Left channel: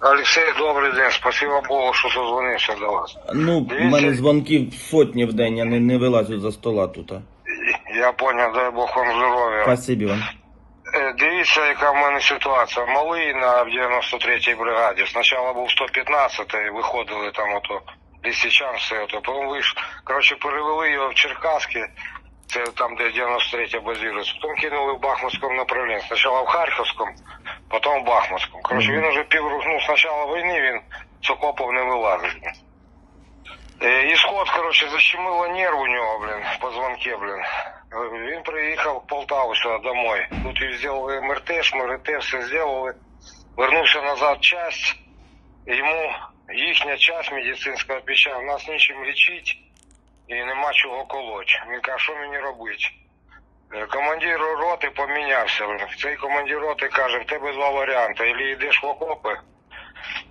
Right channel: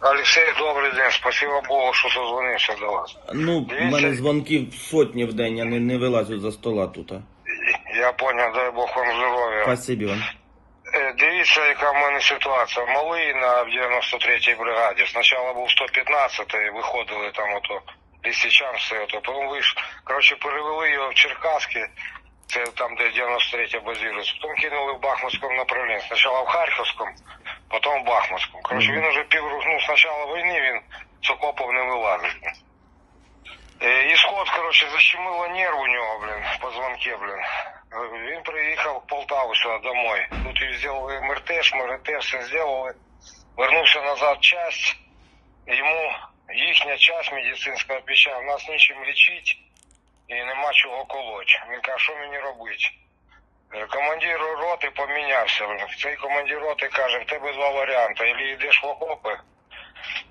Олексій, добрий день. Спасибо Богу, що дозвонився до вас. Ну, в мене дзвонків сотні в день, я не, не вилазю за стола тут. Я понял, дай Бог вам здоров'я. Спасибі вам. Е, Дивіться, яка в мене ситуація. Малий на 93-й бригаді. Спочатку був 115-й, виходили там ото Лисичанське, ото, потім виш... Коротше, перевели його в Черкаське, це там, де 93-я базирується. Потім кинули в Бахмутському направленні. Спочатку в Харківському, потім в Бахмутському. Коротше, він уже пів, ну, з початку війни він з окопів не вилазить. Е, Ісход, коротше, защемило нерв у нього, блин, в позвонке, блин. Е, Він приїхав в Полтаву сюди домой. Тут він зробили МРТ, ШМРТ, все зробили. Вернувся назад часть. Йому їхня часть медицинська відповідає, нас нічим лічити і нема чого колоть. Він каже, що мені робити? Е, Командир роти помінявся. Цей командир роти каже, в тебе два варіанти. Або йдеш в окопи,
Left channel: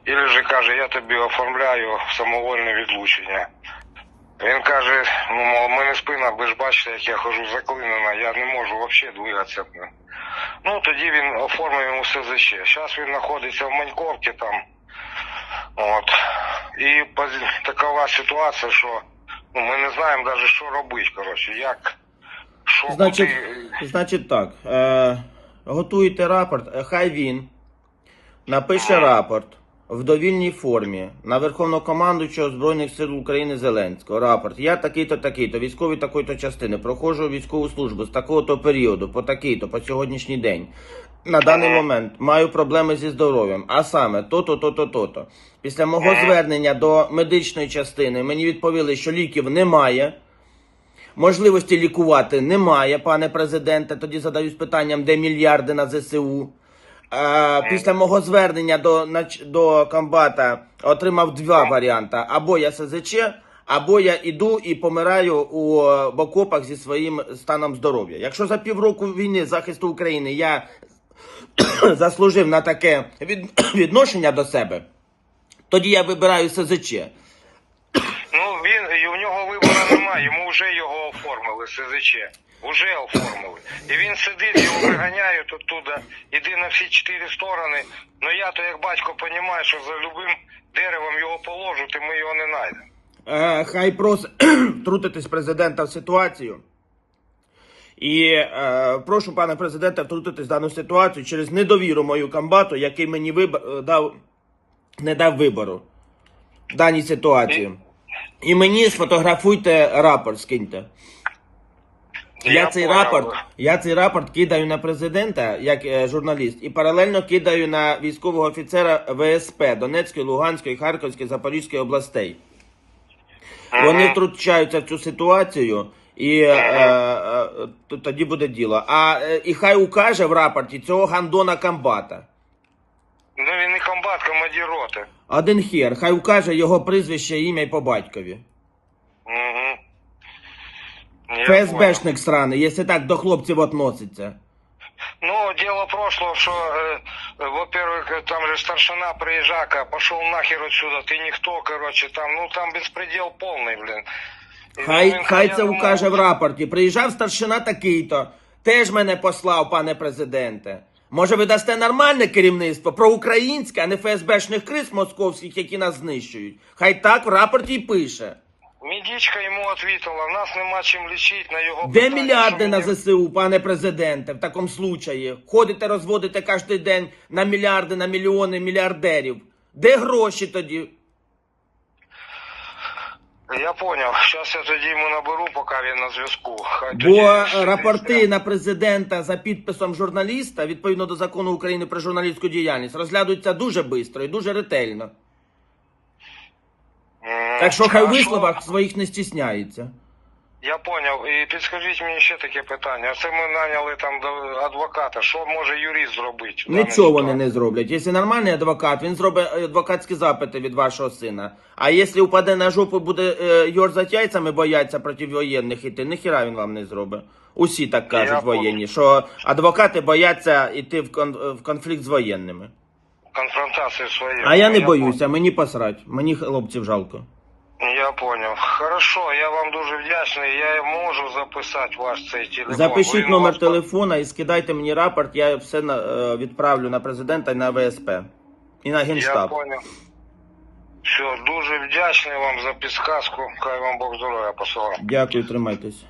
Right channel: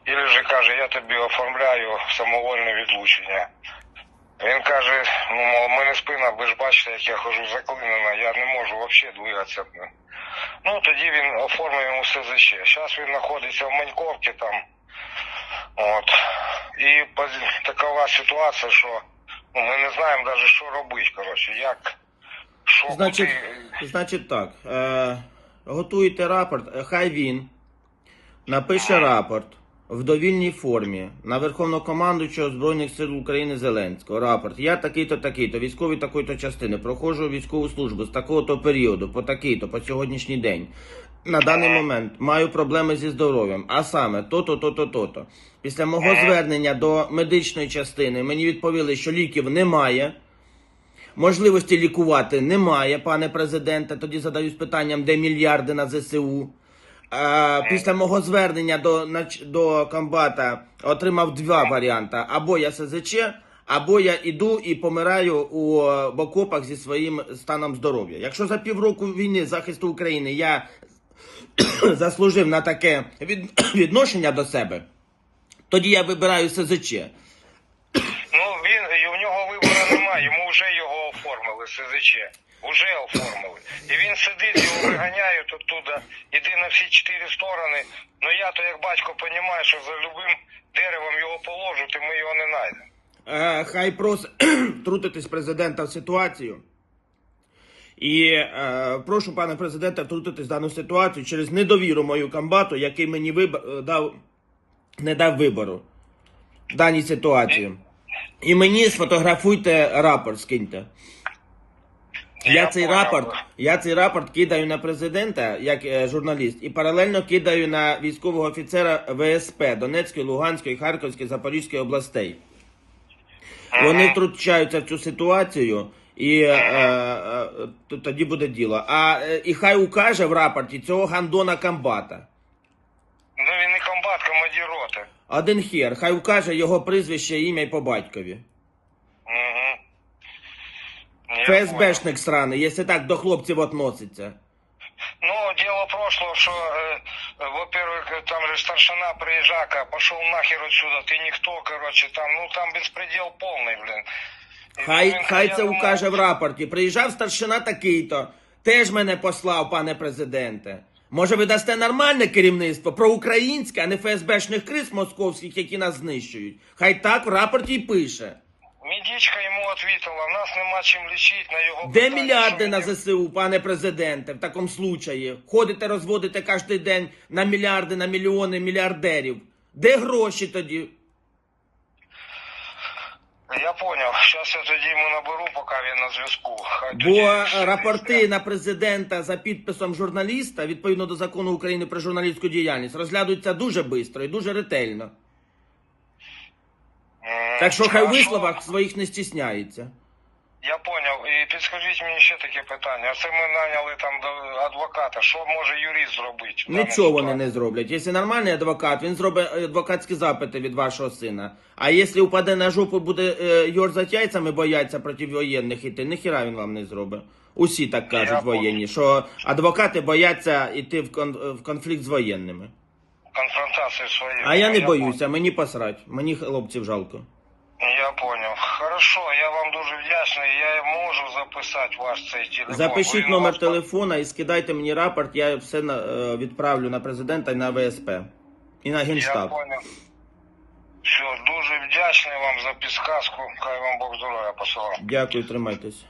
або вже каже, я тобі оформляю самовольне відлучення. Він каже, ну, в мене спина, ви ж бачите, як я хожу заклинена, я не можу взагалі двигатися. Ну, тоді він оформив йому СЗЧ. Зараз він знаходиться в Маньковці там. От. І такова ситуація, що ну, ми не знаємо навіть, що робити, коротше, як. Що Значить, значить так. Е, готуйте рапорт, е, хай він напише рапорт в довільній формі на Верховнокомандуючого Збройних сил України Зеленського. Рапорт. Я такий-то, такий-то, військовий такої-то частини, проходжу військову службу з такого-то періоду, по такий-то, по сьогоднішній день. На даний момент маю проблеми зі здоров'ям, а саме то-то, то-то, то-то. Після мого звернення до медичної частини мені відповіли, що ліків немає. Можливості лікувати немає, пане президенте. Тоді задаюсь питанням, де мільярди на ЗСУ. Е, після мого звернення до, до комбата отримав два варіанти: або я СЗЧ, або я іду і помираю у окопах зі своїм станом здоров'я. Якщо за півроку війни захисту України я заслужив на таке від, відношення до себе, тоді я вибираю СЗЧ. Ну, він, і в нього вибору немає, йому вже його оформили, СЗЧ. Уже оформили. І він сидить, його виганяють оттуда, іди на всі чотири сторони. Ну я то як батько розумію, що за любим деревом його положуть, і ми його не знайдемо. Е, хай просить втрутитись президента в ситуацію. І е, прошу пане президенте втрутитись в дану ситуацію через недовіру мою комбату, який мені виб... е, дав, не дав вибору в даній ситуації. І мені сфотографуйте рапорт, скиньте. Я цей рапорт, я цей рапорт кидаю на президента як е, журналіст і паралельно кидаю на військового офіцера ВСП Донецької, Луганської, Харківської, Запорізької областей. Вони втручаються в цю ситуацію, і е, е, т- тоді буде діло. А е, і хай укаже в рапорті цього гандона комбата. Ну він не комбат, командир роти. Один хер, хай укаже його прізвище, ім'я і по батькові. Угу. ФСБшник сраний, якщо так до хлопців относиться. Ну, дело прошло, что, э, во-первых, э, там же старшина приезжака, пошел нахер отсюда, ты никто, короче, там, ну, там беспредел полный, блин. І Хай, він хай хотів це мене- укаже в рапорті. Приїжджав старшина такий-то, теж мене послав, пане президенте. Може, ви дасте нормальне керівництво, проукраїнське, а не ФСБшних криз московських, які нас знищують. Хай так в рапорті й пише. Медичка йому відповіла, нас нема чим лічити на його... Де мільярди на ЗСУ, пане президенте, в такому случаї? Ходите, розводите кожен день на мільярди, на мільйони мільярдерів. Де гроші тоді? Я понял, зараз я тоді йому наберу, поки він на зв'язку. Бо тоді- рапорти на президента за підписом журналіста, відповідно до закону України про журналістську діяльність, розглядаються дуже швидко і дуже ретельно. Так що хай в висловах своїх не стісняється. Я поняв. І підскажіть мені ще таке питання. Це ми наняли там до адвоката. Що може юрист зробити? Нічого вони не зроблять. Якщо нормальний адвокат, він зробить е, адвокатські запити від вашого сина. А якщо упаде на жопу, буде е, йорзать яйцями, бояться проти воєнних іти, ніхіра він вам не зробить. Усі так кажуть воєнні, що адвокати бояться йти в конфлікт з воєнними. Конфронтацію своєї. А я не боюся, мені посрать, мені хлопців жалко. Я понял. Хорошо, я вам дуже вдячний. Я можу записати ваш цей телефон. Запишіть Ви номер вас- телефона і скидайте мені рапорт, я все на- е, відправлю на президента і на ВСП. і на Я Генштаб. понял. Все, дуже вдячний вам за підсказку. Хай вам Бог здоров'я посилає. Дякую, тримайтесь.